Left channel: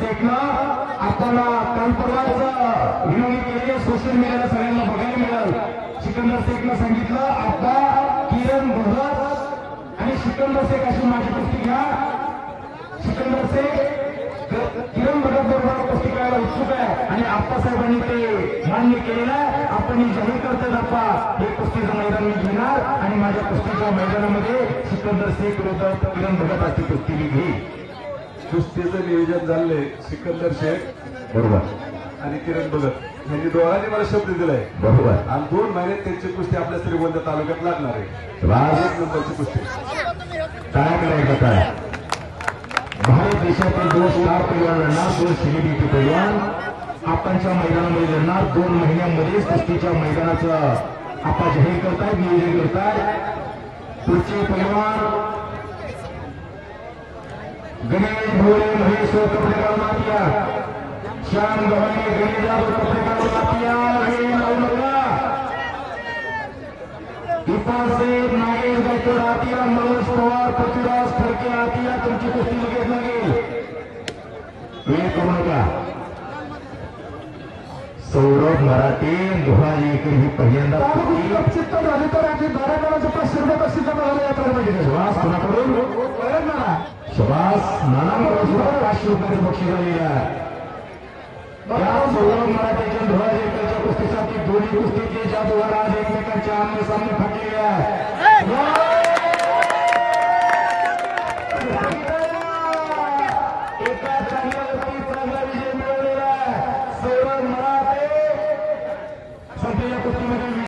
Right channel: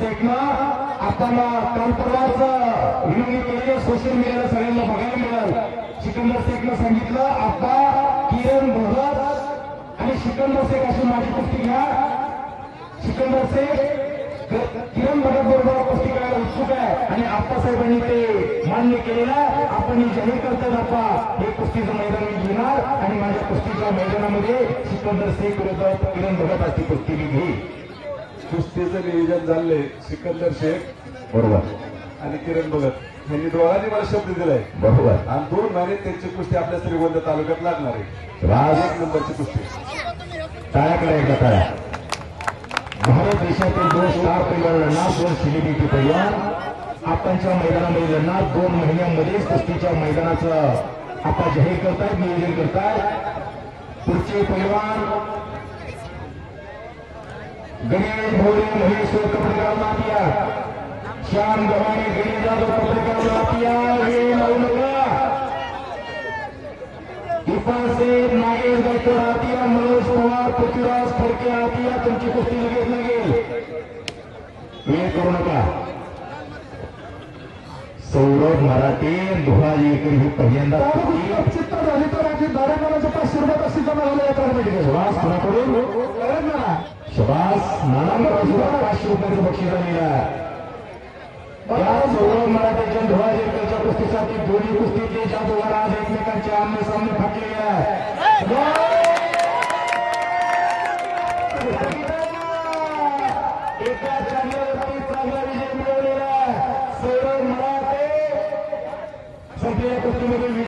शेखनं आपण कालपरवाच विनोदी केले सोशल मीडियाला सगळ्यांना बघायला मिळालं। सिकंदर शेखनं सांगितलं आप्पा किरण भगत आणि सिकंदर शेख अशी माझी कुस्ती घ्या। सिकंदर शेख किरण भगत बरोबर कुस्ती करायला उत्सुक आहे आणि आप्पासाहेबांनी ते मान्य केलेलं आहे। आपण जाहीर करतोय आप्पा हे कुस्तीचं मैदान मी घेणार आणि माझ्या कुस्तीच्या मैदानामध्ये सिकंदर शेख विरुद्ध किरण भगत अशी कुस्ती मी घेईन। कुस्तीचं नियोजन झालंय सिकंदर शेख बरोबर आणि किरण भगत यांनी दोघांनी मला शब्द दिलाय बरोबर आणि 2 महिन्यात त्यांची कुस्ती आपल्या श्रीगोंदा तालुक्यात लागणार आहे। राज 1 नंबरची कुस्ती काय करायचं काय भारत देशातील 2 स्टार पैलवानांना 2 सेलिब्रिटी पैलवान आपणच्या मैदानामध्ये लढणार 2 महिन्यांमध्येच कुस्तीच्या मैदानाचं आपण जाहीर करतायत नियोजन करतायत। पुढचे पैलवान गणेश भोळे महेश्वर कपडेगाव नातिया श्याम गव्हाणे गणेश जाधव कपडेगाव नातिया हे लावू नका। इरफान शेख नागेश गायकवाड आतिया मनोज पवार पृथ्वीराज फडके आतिया तुमची कुस्ती लगेच लागेल वेळ करू नका। सौरभ मराठे धुळाजीकर ही पहिल्यांदा झाली तर आधी 12 500 रुपये बक्षीस जमा झाले यात्रा श्वास कोणाकडून श्वास नानांकडून 500 रुपये बक्षीस झालेला सौरभ मराठेच्या धुळाजीकरच्या कुस्तीसाठी दोन्ही कुस्तीचे जादूगार आज एकमेकांच्या आमने सामने